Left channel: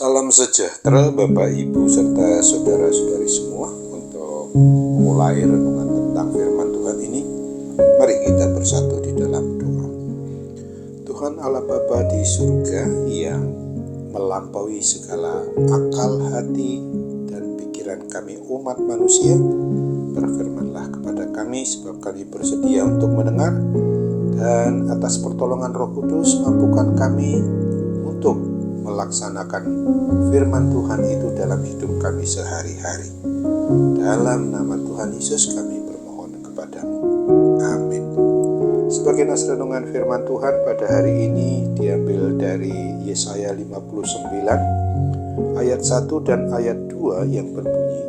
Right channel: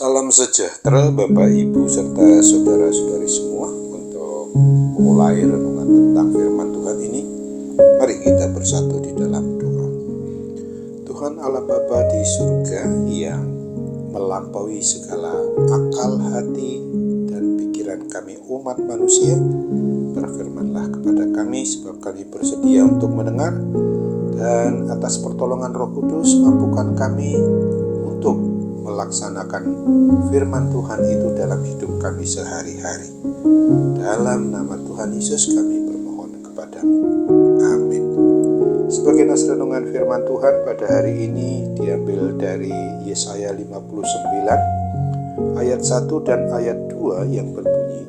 Salam sejahtera Bapak Ibu serta saudara-saudari semua. Untuk memulai renungan tentang firman Tuhan ini, mari kita bersatu di dalam doa. Tuhan Allah Bapa di surga yang melampaui segala akal hati dan pikiran kami umat manusia, berfirmanlah kepada kami sebab kami bersedia untuk mendengar, dan atas pertolongan Roh Kudus mampukan kami untuk melaksanakan firman Tuhan itu dalam hidup kami sehari-hari. Dalam nama Tuhan Yesus kami bermohon kepadamu. Amin. Sebagai nas renungan firman Tuhan pada hari ini diambil dari Yesaya 59 ayat 1 dan ayat 2 yang berbunyi,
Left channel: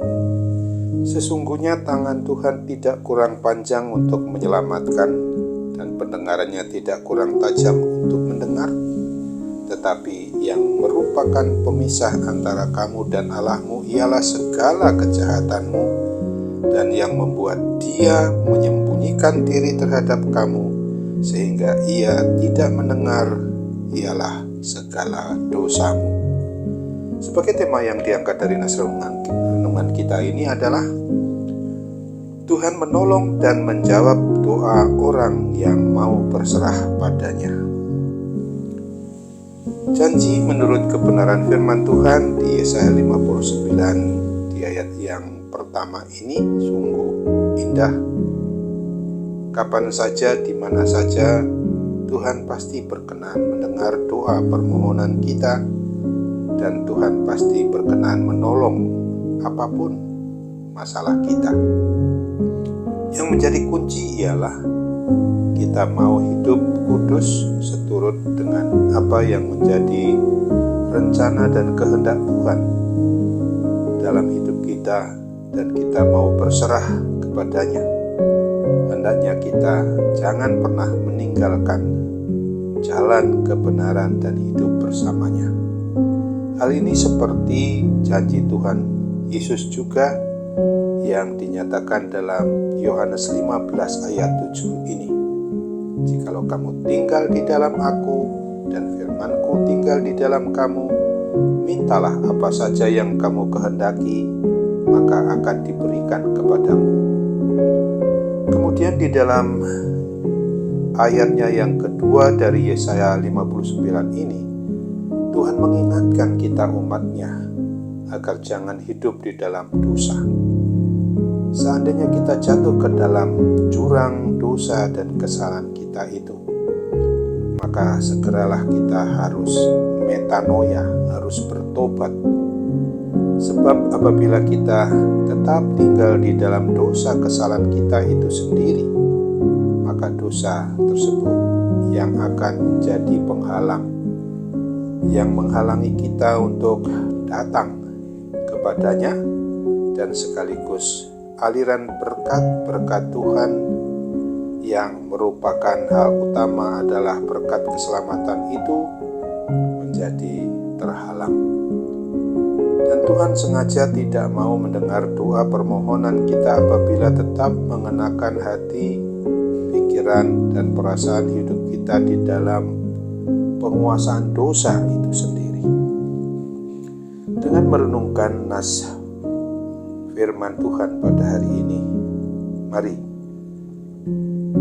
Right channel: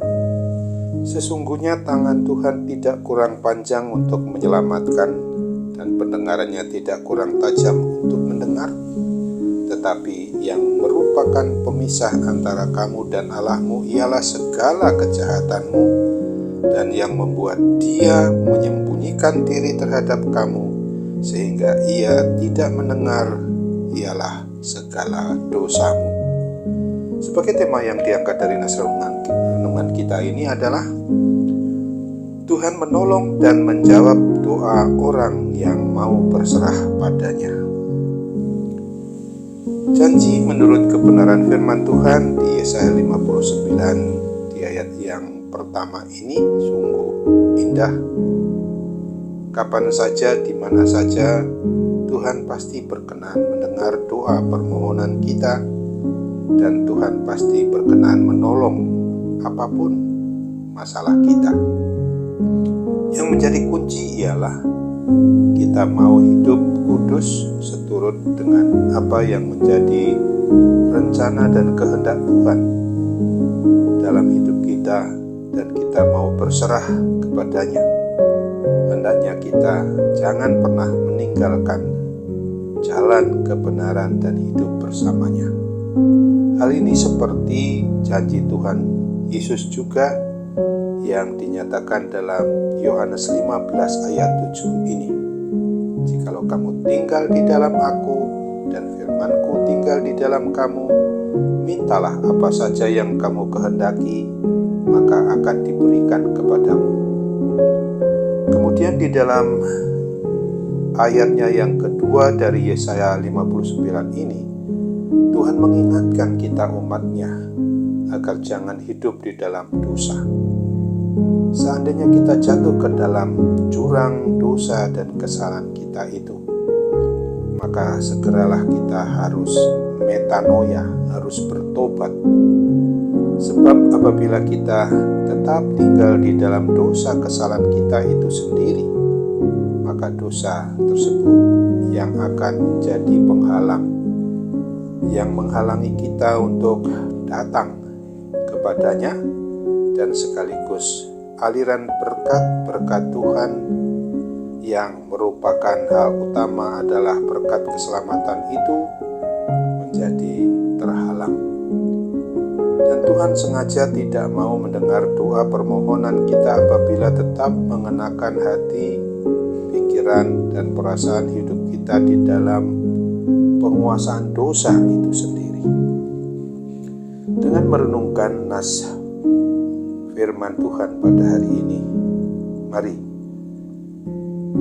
sesungguhnya tangan Tuhan tidak kurang panjang untuk menyelamatkan, dan pendengarannya tidak kurang tajam untuk mendengar, tetapi yang merupakan pemisah antara kamu dan Allahmu ialah segala kejahatanmu, dan yang membuat Dia menyembunyikan diri terhadap kamu sehingga Ia tidak mendengar ialah segala dosamu. Sebagai tema yang diangkat dari nas renungan kita ini adalah Tuhan menolong dan menjawab doa orang yang mau berserah padanya. Janji menurut kebenaran firman Tuhan di Yesaya 59 di ayat yang pertama ini sungguh indah. Kapan saja, di mana saja, Tuhan pasti berkenan mendengar doa permohonan kita, dan Tuhan pasti berkenan menolong apapun masalah kita. Yang menjadi kunci ialah kita mau hidup kudus seturut dengan apa yang menjadi rencana dan kehendak Tuhan dalam hidup kita, dan kita mau berserah kepadanya. Hendaknya kita jangan pernah meninggalkan jalan kebenaran dan hidup bersamanya. Hal ini seperti janji Tuhan Yesus juga yang dinyatakan dalam Yohanes 15 ayat 7 ini. Jikalau kamu tinggal di dalam aku dan firman-Ku tinggal di dalam kamu, mintalah apa saja yang kamu kehendaki, maka akan diberikan kepadamu. Kemudian di dalam ayatnya yang kedua dari Yesaya 59 ini, Tuhan mengingatkan kita umatnya agar jangan hidup di dalam dosa. Seandainya kita jatuh ke dalam jurang dosa dan kesalahan kita itu, maka segeralah kita harus metanoia, harus bertobat. Sebab apabila kita tetap tinggal di dalam dosa kesalahan kita itu sendiri, maka dosa tersebut yang akan menjadi penghalang, yang menghalangi kita untuk datang kepadanya, dan sekaligus aliran berkat-berkat Tuhan yang merupakan hal utama adalah berkat keselamatan itu menjadi terhalang. Dan Tuhan sengaja tidak mau mendengar doa permohonan kita apabila tetap mengenakan hati, pikiran, dan perasaan hidup kita di dalam penguasaan dosa itu sendiri. Dengan merenungkan nas firman Tuhan pada hari ini, mari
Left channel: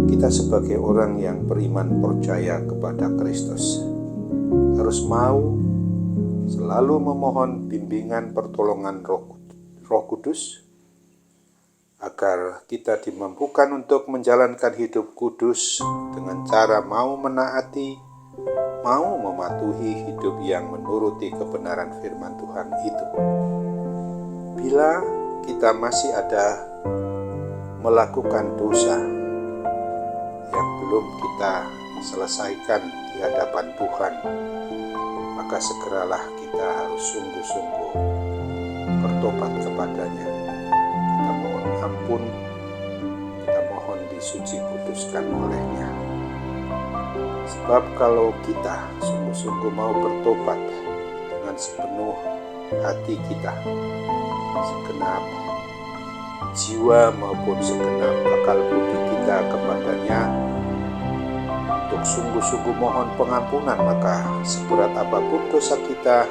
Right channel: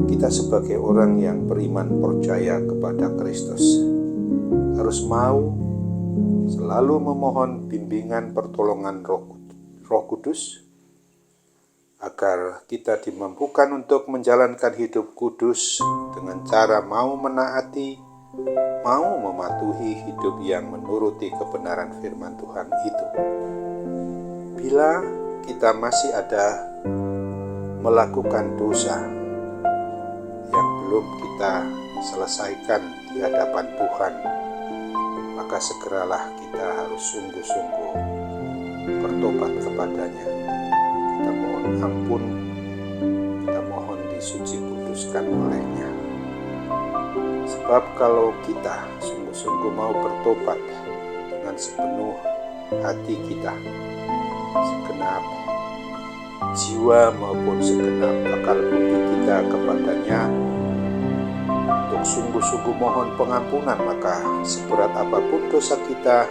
kita sebagai orang yang beriman percaya kepada Kristus harus mau selalu memohon bimbingan pertolongan Roh Kudus agar kita dimampukan untuk menjalankan hidup kudus dengan cara mau menaati, mau mematuhi hidup yang menuruti kebenaran firman Tuhan itu. Bila kita masih ada melakukan dosa yang belum kita selesaikan di hadapan Tuhan, maka segeralah kita harus sungguh-sungguh bertobat kepadanya. Kita mohon ampun, kita mohon disuci kuduskan olehnya. Sebab kalau kita sungguh-sungguh mau bertobat dengan sepenuh hati kita, segenap jiwa maupun segenap akal budi kita kepadanya, untuk sungguh-sungguh mohon pengampunan, maka seberat apapun dosa kita,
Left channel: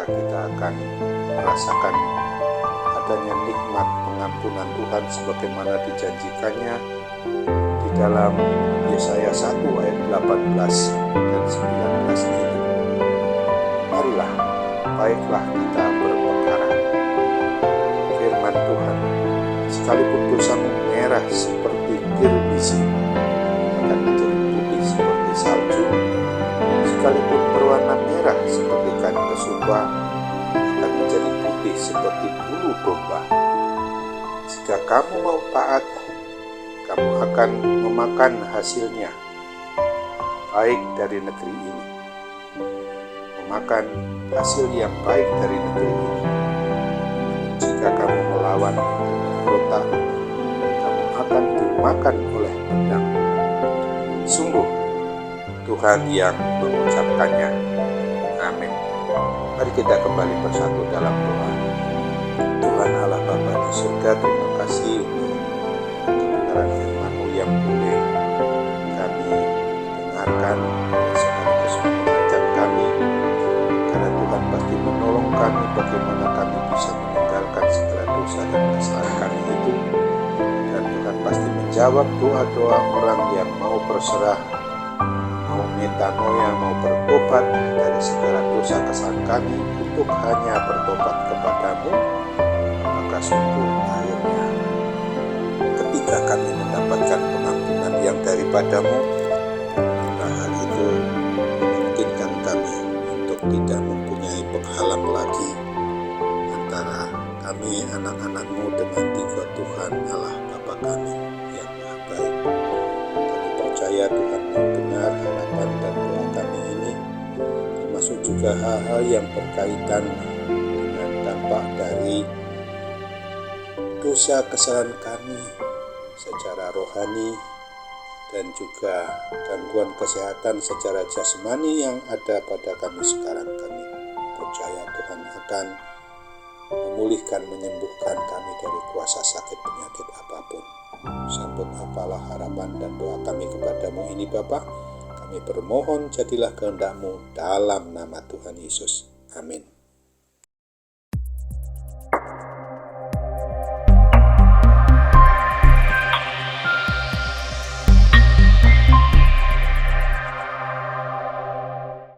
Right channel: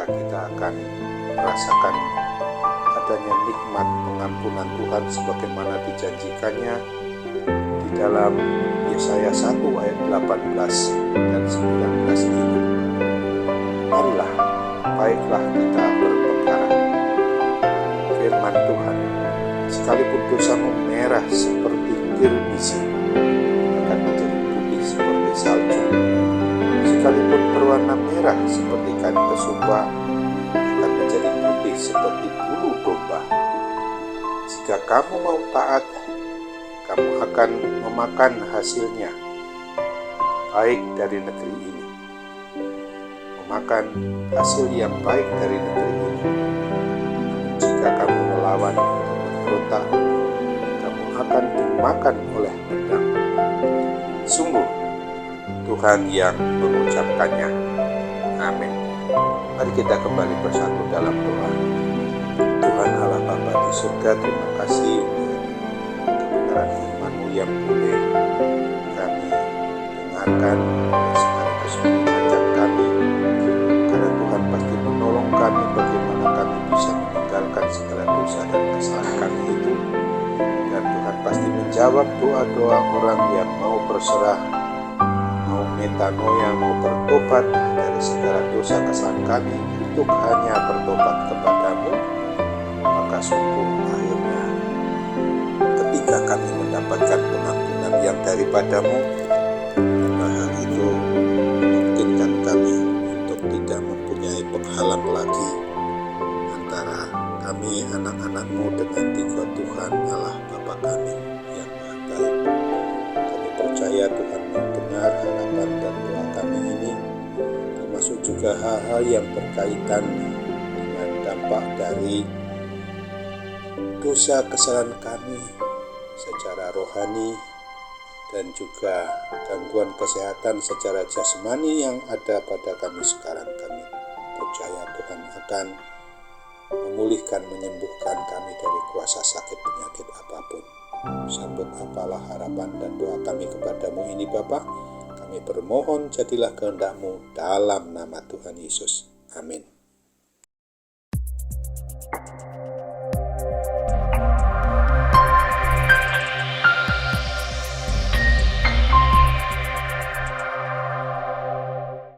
maka kita akan merasakan adanya nikmat pengampunan Tuhan sebagaimana dijanjikannya di dalam Yesaya 1 ayat 18 dan 19 ini. Marilah, baiklah kita berperkara. Firman Tuhan, sekalipun dosamu merah seperti kirmisi, akan menjadi putih seperti salju. Sekalipun berwarna merah seperti kain kesumba, akan menjadi putih seperti bulu domba. Jika kamu mau taat, kamu akan memakan hasilnya, baik dari negeri ini. Memakan hasil yang baik dari negeri ini. Namun jika kamu melawan dan memberontak, kamu akan dimakan oleh pedang. Sungguh, Tuhan yang mengucapkannya. Amin. Mari kita kembali bersatu dalam doa. Tuhan Allah Bapa di surga, terima kasih untuk kebenaran firman-Mu yang boleh kami dengarkan, sekaligus mengingatkan kami, karena Tuhan pasti menolong kami bagaimana kami bisa meninggalkan segala dosa dan kesalahan kami itu, dan Tuhan pasti menjawab doa-doa orang yang mau berserah, mau metanoia, mau bertobat dari segala dosa kesalahan kami untuk hanya bertobat kepadamu. Maka sungguh akhirnya ketika kami mendapatkan pengampunan yang daripadamu, maka hal itu memungkinkan kami untuk tidak mempunyai penghalang lagi antara kami anak-anak-Mu dengan tiga Tuhan Allah Bapa kami yang Maha Baik. Kami percaya Tuhan mendengar harapan dan doa kami ini, termasuk juga hal-hal yang berkaitan dengan dampak dari dosa kesalahan kami secara rohani dan juga gangguan kesehatan secara jasmani yang ada pada kami sekarang. Kami percaya Tuhan akan memulihkan, menyembuhkan kami dari kuasa sakit penyakit apapun. Sambut apalah harapan dan doa kami kepadamu ini Bapa. Kami bermohon jadilah kehendak-Mu dalam nama Tuhan Yesus. Amin.